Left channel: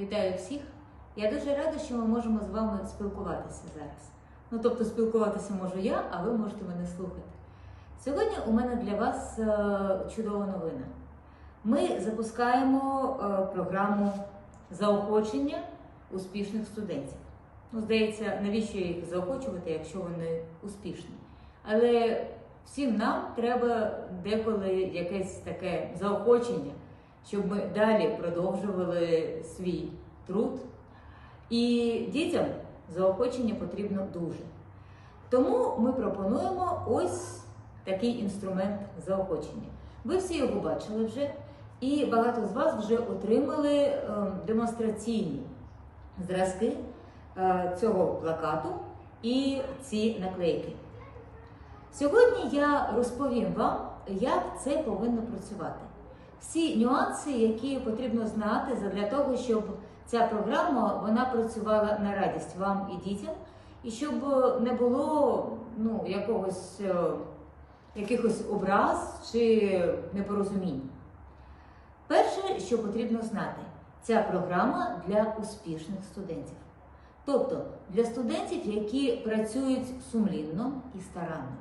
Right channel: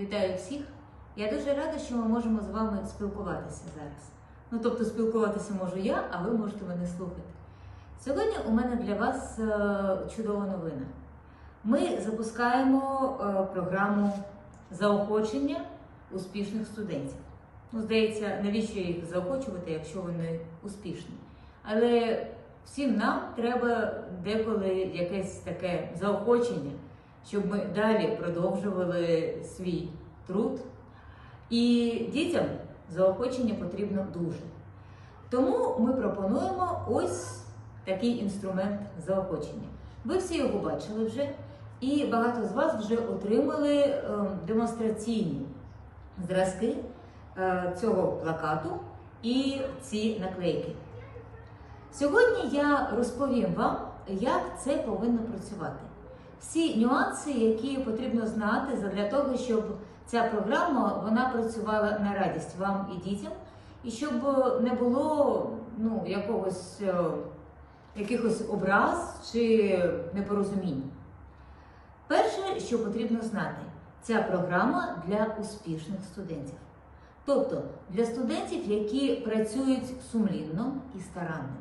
Вітаю всіх! Я дуже рада, що ми можемо з вами спілкуватися зараз. Ну, тобто, спілкуватися можу я, а ви можете мене слухати. Сьогодні у мене для вас е, чудова новина. Ми запускаємо е, програму заохочення успішних студентів. Ну, здається, навіщо їх заохочувати, якщо вони успішні? Але всім нам треба деколи якесь таке заохочення, щоб ми далі продовжували свій труд. І дітям заохочення потрібно дуже. Тому ми пропонуємо ось такий інструмент заохочення. Ви всі його бачили вже, і багато з вас вже отримали е, демонстраційні зразки е, цього плакату і ці наклейки. Сьогодні я розповім вам, як це повинно працювати. Всі нюанси, які потрібно знати для того, щоб ця програма вона працювала на радість вам і дітям, і щоб не було ну, якогось, е, якихось образ чи непорозумінь. Перше, що потрібно знати, ця програма для успішних студентів. Тобто для студентів, які працюють сумлінно і старанно.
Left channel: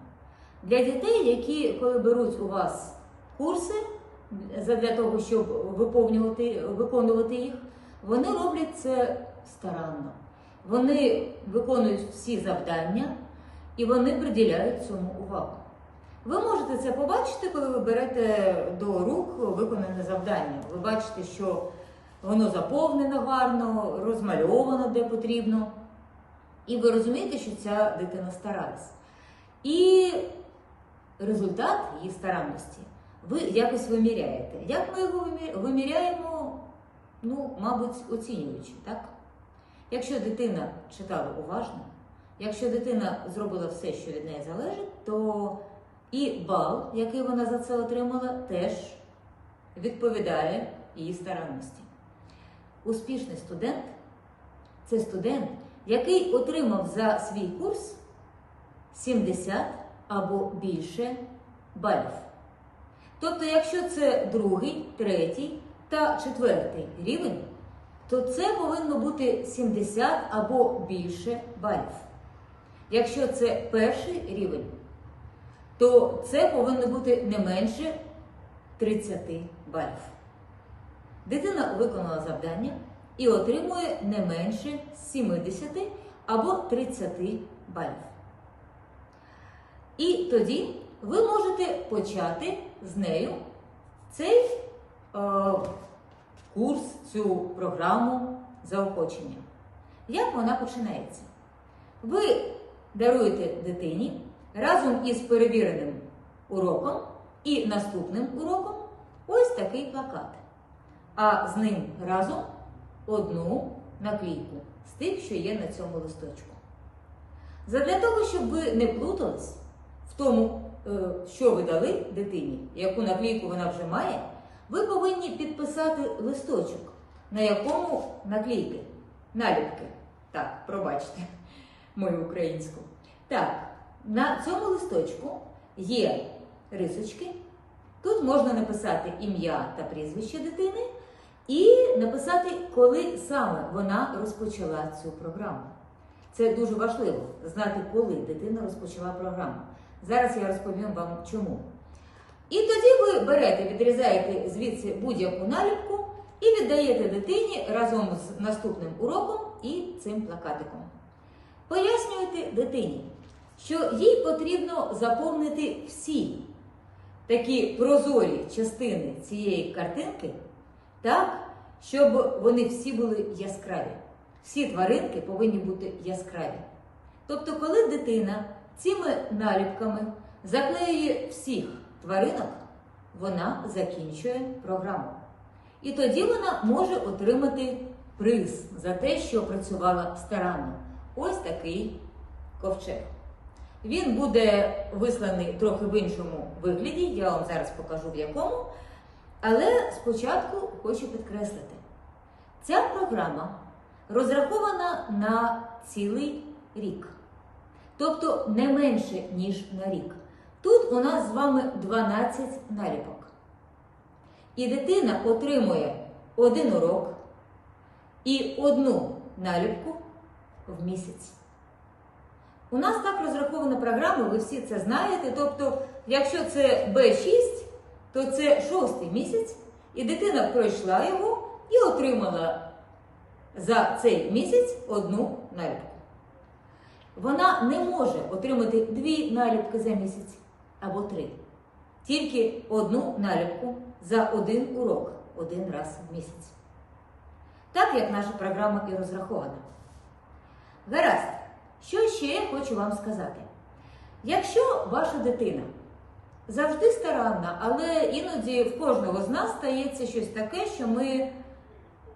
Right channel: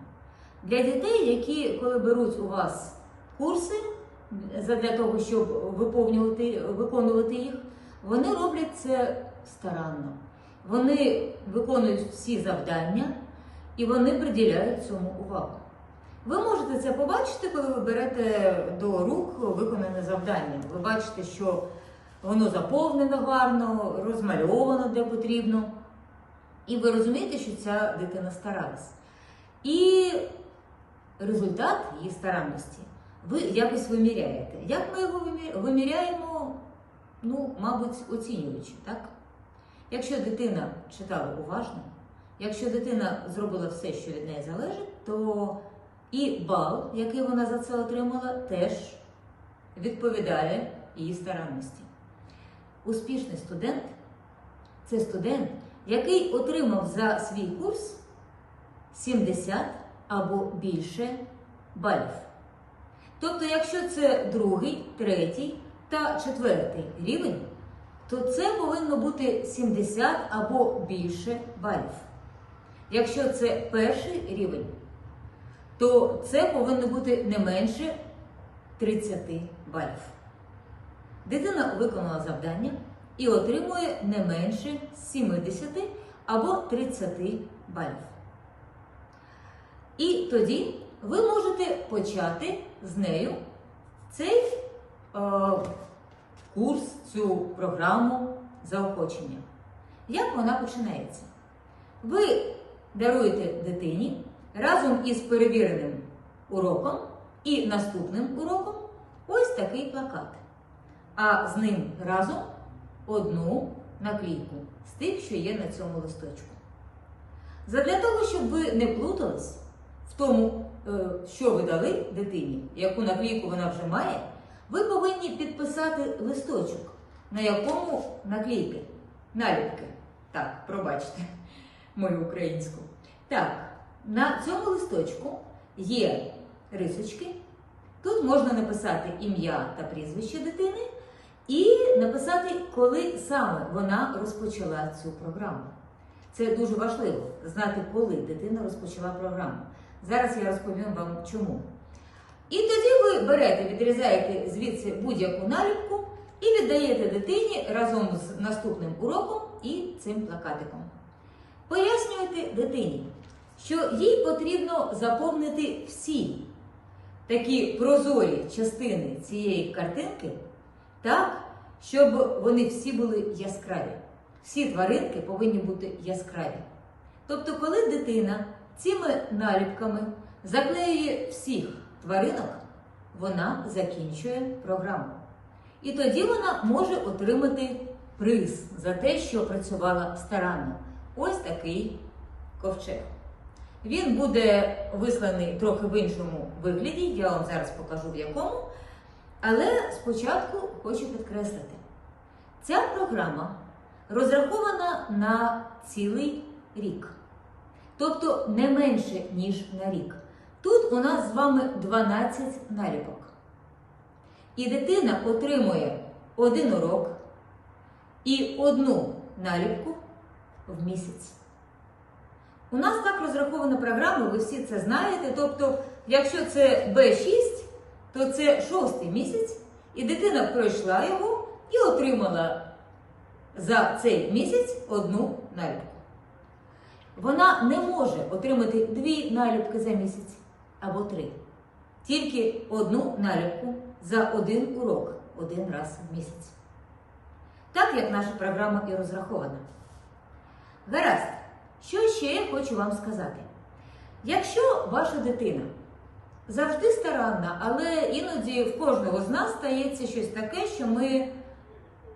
Для дітей, які, коли беруть у вас курси для того, щоб виповнювати, виконувати їх, вони роблять це старанно. Вони виконують всі завдання і вони приділяють цьому увагу. Ви можете це побачити, коли ви берете до рук виконане завдання. Ви бачите, що воно заповнено гарно, розмальовано де потрібно. І ви розумієте, що ця дитина старалась. І результат її старанності ви якось виміряєте. Як ми його виміряємо? Ну, мабуть, оцінюючи, так? Якщо дитина читала уважно, якщо дитина зробила все, що від неї залежить, то і бал, який вона за це отримала, теж відповідає її старанності. Успішний студент це студент, який отримав за свій курс 70 або більше балів. Тобто, якщо це другий, третій та четвертий рівень, то це повинно бути 70 або більше балів. Якщо це перший рівень, то це повинно бути не менше 30 балів. Дитина виконала завдання і отримує не менше 70 або 30 балів. І тоді ви можете почати з нею цей е, курс, цю програму заохочення. Як вона починається? Ви даруєте дитині разом із перевіреним уроком і наступним уроком ось такий плакат. А з ним разом одну наклейку з тих, що є на цьому листочку. Задля того, щоб ви не плутались в тому, що ви дали дитині, яку наклейку вона вже має, ви повинні підписати листочок, на якому наклейки, наліпки. Так, пробачте мою українську. Так, на цьому листочку є рисочки. Тут можна написати ім'я та прізвище дитини і написати, коли саме вона розпочала цю програму. Це дуже важливо знати, коли дитина розпочала програму. Зараз я розповім вам чому. І тоді ви берете, відрізаєте звідси будь-яку наліпку і віддаєте дитині разом з наступним уроком і цим плакатиком. Пояснюєте дитині, що їй потрібно заповнити всі такі прозорі частини цієї картинки так, щоб вони всі були яскраві. Всі тваринки повинні бути яскраві. Тобто, коли дитина цими наліпками заклеює всіх тваринок, вона закінчує програму. І тоді вона може отримати приз за те, що працювала старанно. Ось такий ковчег. Він буде висланий трохи в іншому вигляді, я вам зараз покажу в якому. Але спочатку хочу підкреслити, ця програма розрахована на цілий рік, тобто не менше, ніж на рік. Тут у нас з вами 12 наліпок. І дитина отримує один урок, і одну наліпку в місяць. У нас так розрахована програма, ви всі це знаєте. Тобто, якщо це Б6, то це шостий місяць, і дитина пройшла його і отримала за цей місяць одну наліпку. Вона не може отримати дві наліпки за місяць або три. Тільки одну наліпку за один урок один раз в місяць. Так як наша програма і розрахована. Гаразд, що ще я хочу вам сказати? Якщо ваша дитина завжди старанна, але іноді в кожного з нас стається щось таке, що ми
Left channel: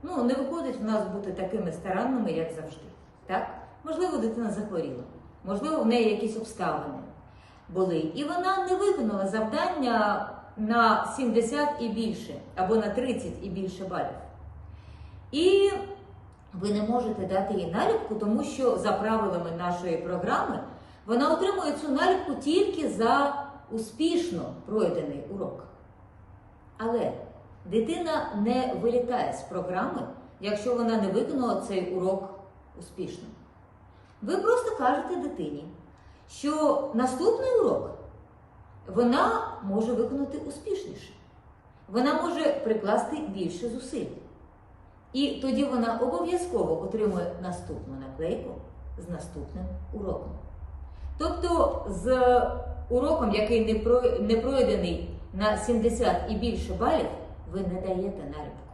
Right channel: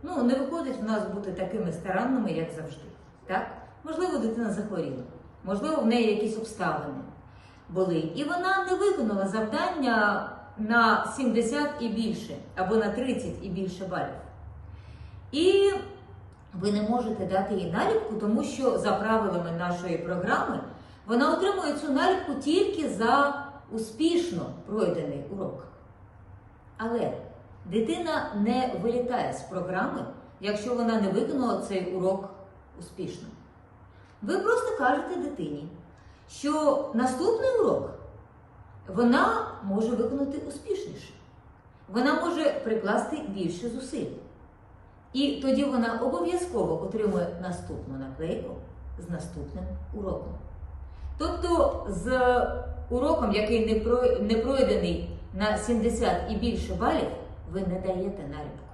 ну, не виходить в нас бути такими старанними, як завжди. Так? Можливо, дитина захворіла, можливо, в неї якісь обставини були. І вона не виконала завдання на 70 і більше, або на 30 і більше балів. І ви не можете дати їй наліпку, тому що за правилами нашої програми вона отримує цю наліпку тільки за успішно пройдений урок. Але дитина не вилітає з програми, якщо вона не виконала цей урок успішно. Ви просто кажете дитині, що наступний урок вона може виконати успішніше. Вона може прикласти більше зусиль. І тоді вона обов'язково отримує наступну наклейку з наступним уроком. Тобто з уроком, який не про- не пройдений на 70 і більше балів, ви не даєте наліпку.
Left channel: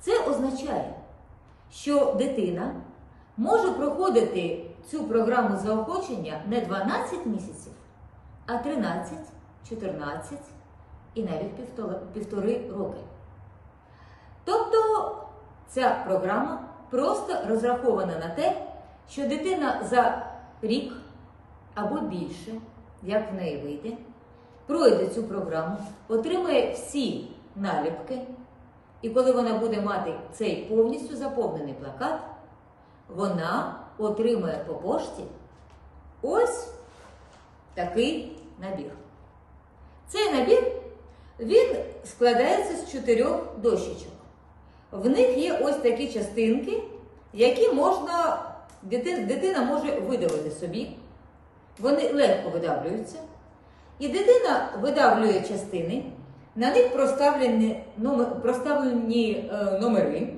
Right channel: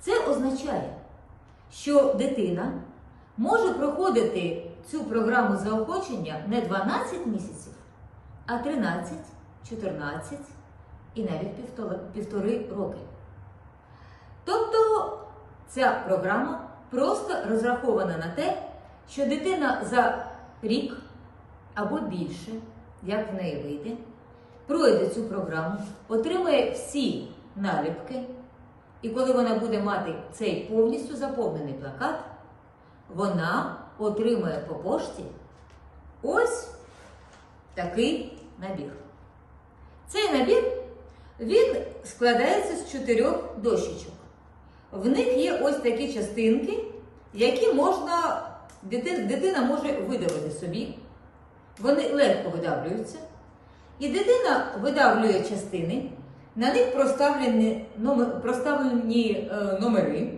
Це означає, що дитина може проходити цю програму заохочення не 12 місяців, а 13, 14 і навіть півтори роки. Тобто ця програма просто розрахована на те, що дитина за рік або більше, як в неї вийде, пройде цю програму, отримає всі наліпки, і коли вона буде мати цей повністю заповнений плакат, вона отримає по пошті ось такий набір. Цей набір він складається з чотирьох дощечок. В них є ось такі частинки, які можна, дитина може видавити собі. Вони легко видавлюються. І дитина видавлює частини, на них проставлені, номер, проставлені е, номери.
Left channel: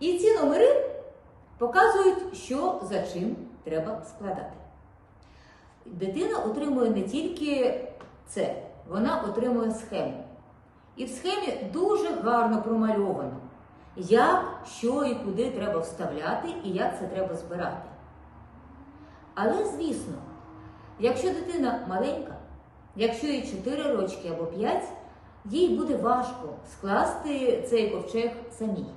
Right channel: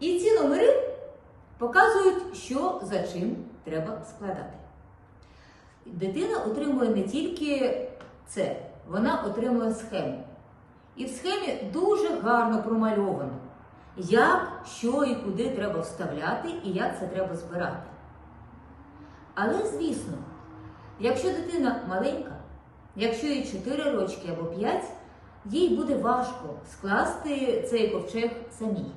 І ці номери показують, що за чим треба складати. Дитина отримує не тільки це, вона отримує схему. І в схемі дуже гарно промальовано, як, що і куди треба вставляти і як це треба збирати. Але, звісно, якщо дитина маленька, якщо їй 4 рочки або 5, їй буде важко скласти цей ковчег самій.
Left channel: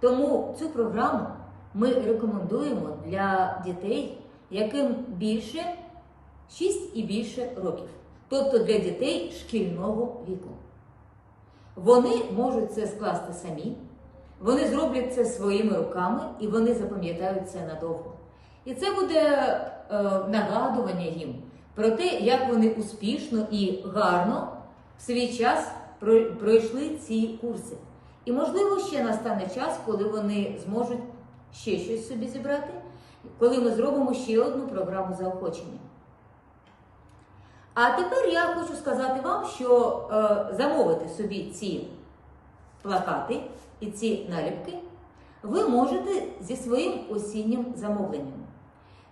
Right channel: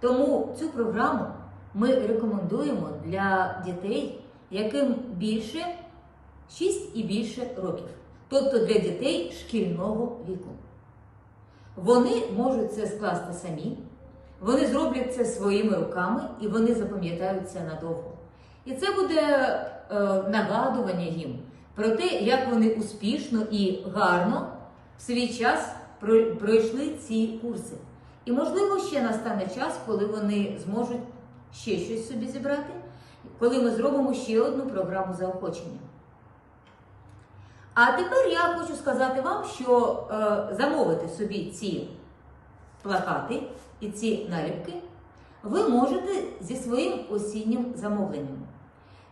Тому цю програму ми рекомендуємо для дітей, яким більше 6 і більше років, тобто для дітей шкільного віку. Вони можуть це скласти самі, вони зроблять це своїми руками і вони запам'ятають це надовго. І це буде е, нагадування їм про те, як вони успішно і гарно в свій час пройшли ці курси. І, можливо, ще настане час, коли вони зможуть ще щось собі зібрати, коли ми зробимо ще одну програму заохочення. А тепер я хочу сказати вам, що е, замовити собі ці плакати і ці наліпки ви можете зі своїм осіннім замовленням.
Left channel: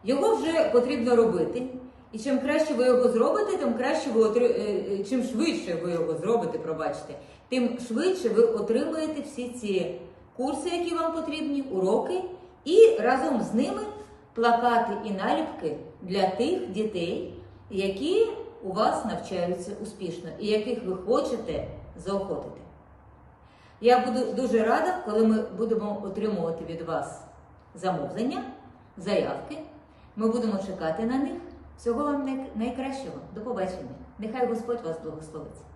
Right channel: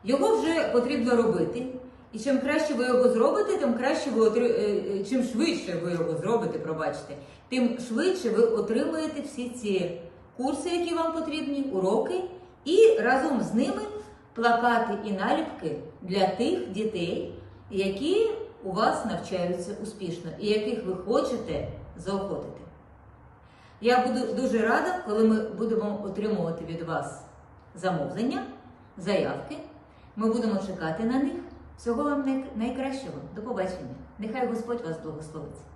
Його вже потрібно робити. І чим краще ви його зробите, тим краще ви отри... е, е, чим швидше ви його зробите, пробачте, тим швидше ви отримаєте всі ці курси, які вам потрібні, уроки, і разом з ними плакати і наліпки для тих дітей, які у вас навчаються успішно і яких ви хочете заохотити. Я буду дуже рада, коли ми будемо отримувати від вас замовлення, заявки. Ми будемо чекати на них. Всього вам найкращого. До побачення. Нехай Господь вас благословить.